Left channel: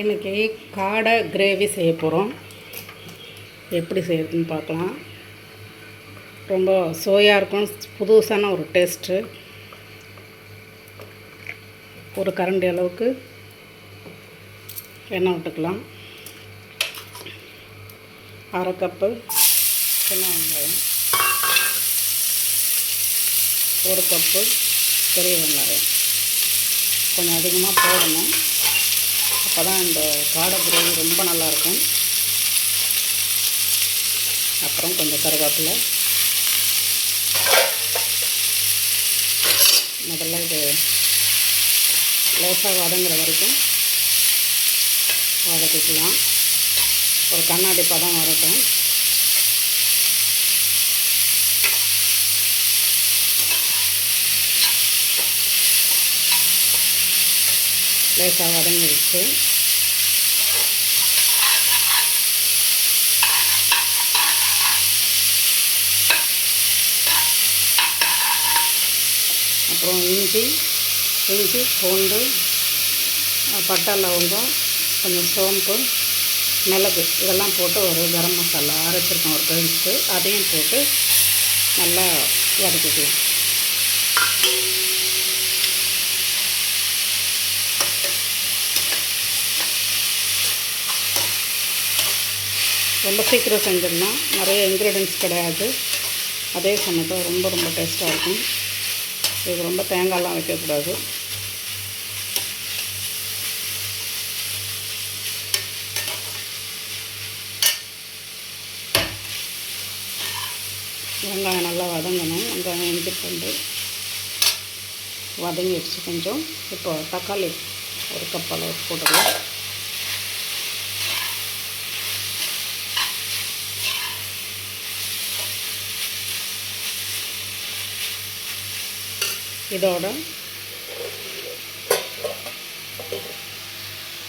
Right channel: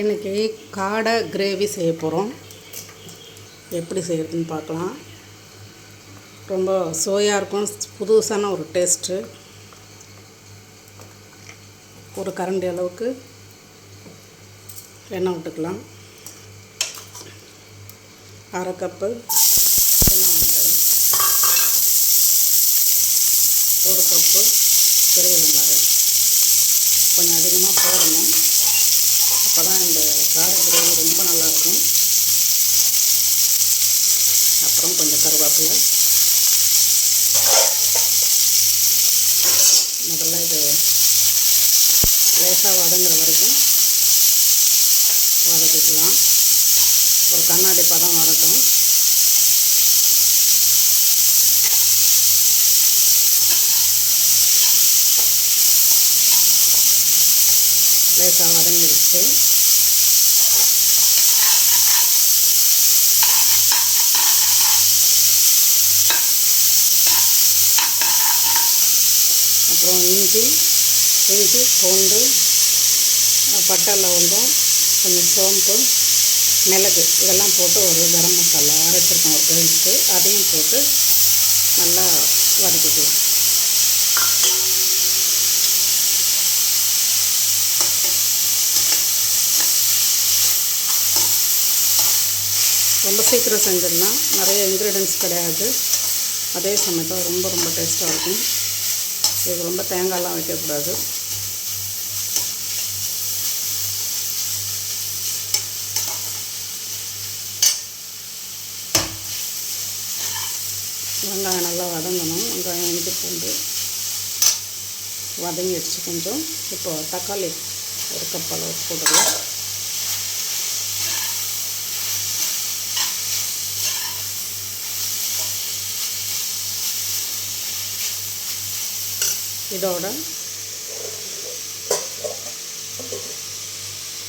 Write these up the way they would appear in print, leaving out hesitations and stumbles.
இன்றைக்கி காடை கிரேவி செய்ய போகிறோம். எப்படி செய்யறதுன்னு பார்க்கலாம். ரொம்ப சுவையாக இருக்கும், புதுசான ஒரு டேஸ்ட்டு. ஒரு கரண்டி அளவுக்கு எண்ணெய் விட்டுக்கலாம். அரை கப்பு சின்ன வெங்காயம், ஒரு கப்பு பெரிய வெங்காயம் கொஞ்சம் அதிகமாக போடணும். அப்போ தான் இந்த காடை கிரேவி ரொம்ப நல்லாயிருக்கும். அப்புறம் கொஞ்சம் கருவேப்பிலை. முதல்ல இது லேசாக வதங்குற வரைக்கும் வதக்கிக்கலாம். ஒரு கண்ணாடி பதம் வரட்டும். லேசாக வதங்கிடுச்சு. அப்புறம் இஞ்சி பூண்டு, பட்டை, லவங்கம், கொஞ்சம் சோம்பு, மிளகு இதெல்லாம் போட்டு ஒரு கரம் மசாலா அரைச்சிருக்கோம் ஒரு பேஸ்ட்டு, அதையும் போட்டு நல்லா வதக்கிக்கலாம். ரொம்ப சீக்கிரம் செஞ்சிடலாம். நிறைய இன்க்ரீடியன்ஸ் கிடையாது. அதே சமயத்தில் ரொம்ப டேஸ்ட்டாக இருக்கும். இது ரொம்ப தேங்காயெலாம் வைக்கக்கூடாது. வெங்காயம் நல்லா வதங்கணும். வெங்காயம் இஞ்சி பூண்டு வதங்கிடுச்சு கொஞ்சம். இப்போ தக்காளி ஒரு கப் அளவு போட்டுக்கலாம். இதோட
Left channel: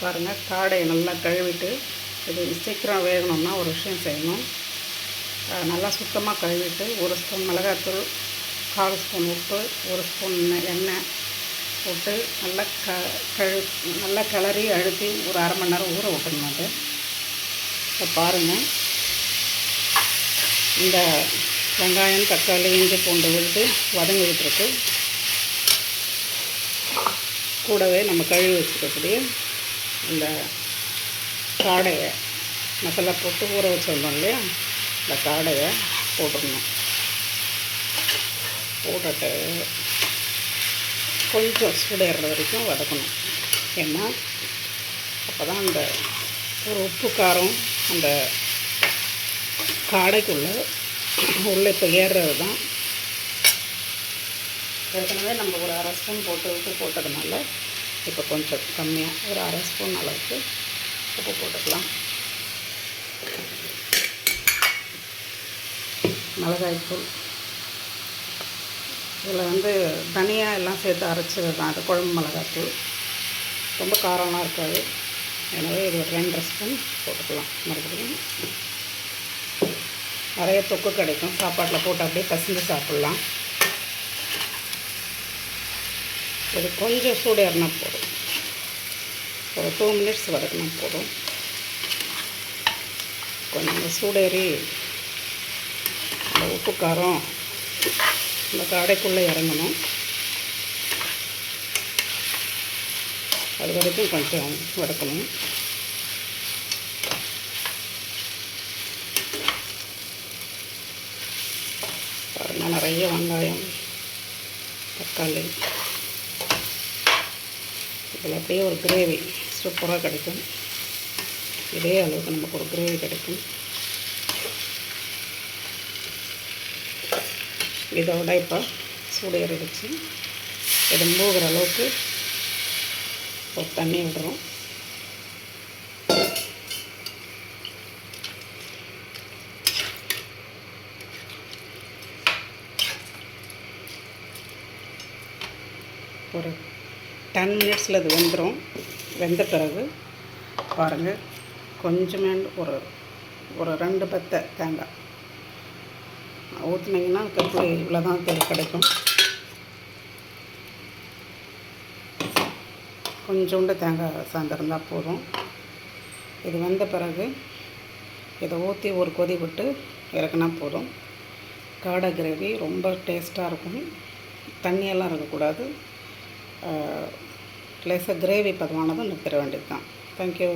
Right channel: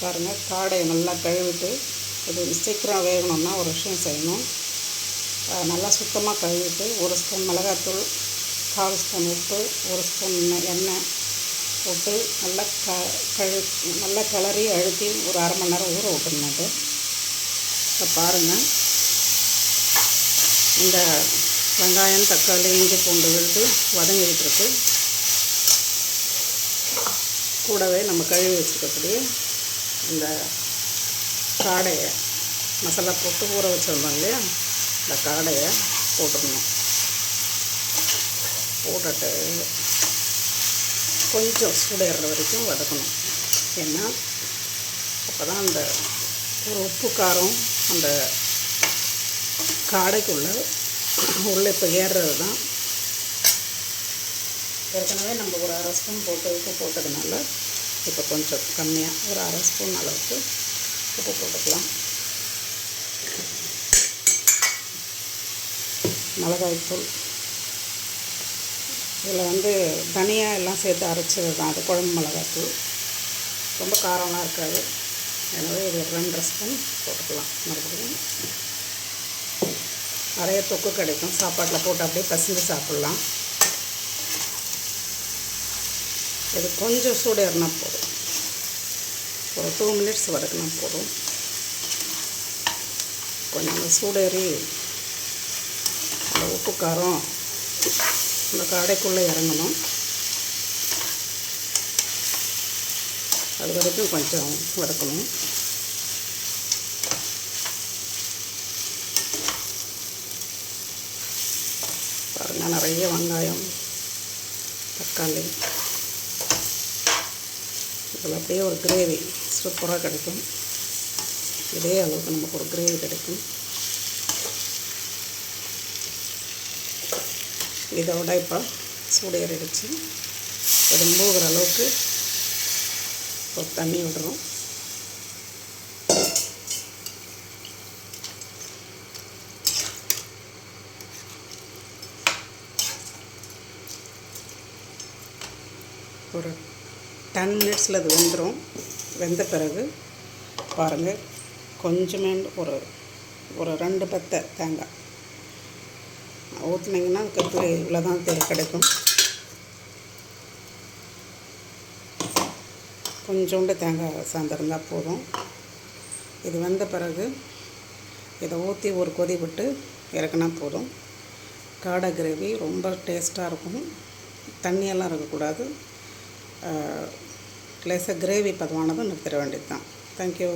பாருங்கள், காடையை நல்லா கழுவிட்டு, இது சீக்கிரம் வேகணும்னா ஒரு விஷயம் செய்யணும். நல்லா சுத்தமாக கழுவிட்டு ஒரு ஸ்பூன் மிளகாத்தூள், 1/4 ஸ்பூன் உப்பு, ஒரு ஸ்பூன் எண்ணெய் போட்டு நல்லா கிளறி அழுத்தி ஒரு அரை மணி நேரம் ஊற விட்டுணும். அது இப்போ பாருங்கள், இந்த வெங்காயம், தக்காளி, இஞ்சி பூண்டு விழுது வதங்கிட்டு இருக்கு. கூடவே நம்ம கழுவி வச்சுக்கக்கூடிய இந்த காடையை மசாலா போட்டு ஊற வச்சிருந்தோம் இல்லையா, இந்த காடையை போட்டுடணும். போட்டுட்டு கொஞ்சம் சூடேறுற வரைக்கும் வதக்கணும். ஏன்னா அப்போ தான் அந்த ஒரு உப்பு காரம் அந்த காடைக்குள்ளே இப்போ ஏறுறது தான். ஏற்கனவே நம்ம ஒரு அரை ஸ்பூன் போட்டு உப்பு போட்டதுனால இப்போ கொஞ்சம் கம்மியாக ஒரு அரை ஸ்பூன் அளவுக்கு உப்பு போட்டுக்கலாம். மிளகாய்த்தூள், இதில் தனியாக எல்லாம் சேர்த்து அரைச்சது தான். அது குழம்பு மிளகாய்த்தூள் ரொம்ப காரமாக இருக்காது. எனவே இது ஒரு 2.5 ஸ்பூன் போட்டுக்கலாம். மறுபடியும் நிறைய தொக்கு கிடைக்கும். சாப்பாட்டில் போட்டு அப்படியே பசங்க சாப்பிட்லாம். இது கொஞ்சம் சூடேறினா போதும். ஒரு 2 மினிட்ஸ் வதக்கினா போதும். கொஞ்சம் சூடேறி அந்த உப்பு காரம் இந்த காடைக்குள்ளே இறங்கணும். அது வரைக்கும் கொஞ்சம் வதக்கணும். பாருங்கள், நிறைய வெங்காயம், தக்காளி, இதில் அப்படியே ஒரு கிரேவி சூப்பராக கிடைக்கும். இதே அளவுக்கு நமக்கு ஒரு கிரேவி கிடைக்கும். இதோட இப்போ சூடேறிடுச்சு. இது மூழ்கிற அளவுக்கு ஒரு தண்ணி விடுறோம். ஒரு 10 மினிட்ஸில் அது வெந்துடும். வெந்த பிறகு பாருங்கள், கொஞ்சமே ஒரு 2 பத்தை தேங்காய் ஊற்றுனீங்கன்னா கத்திரி இவ்வளோ தான் கிடைக்கும். கொஞ்சோண்டு தேங்காய் சார்ந்திருந்தால் போதும். இது வந்த பிறகு இதை ஊற்றி ஒரு கொதி விட்டு இறக்குனா போதும். காடை கிரேவி ரொம்ப டேஸ்ட்டாக இருக்கும். தண்ணியெல்லாம் இருக்கக்கூடாது. லேசாக கிரேவி பதமானதும் நிறுத்திட வேண்டியது தான். தேங்க்யூ.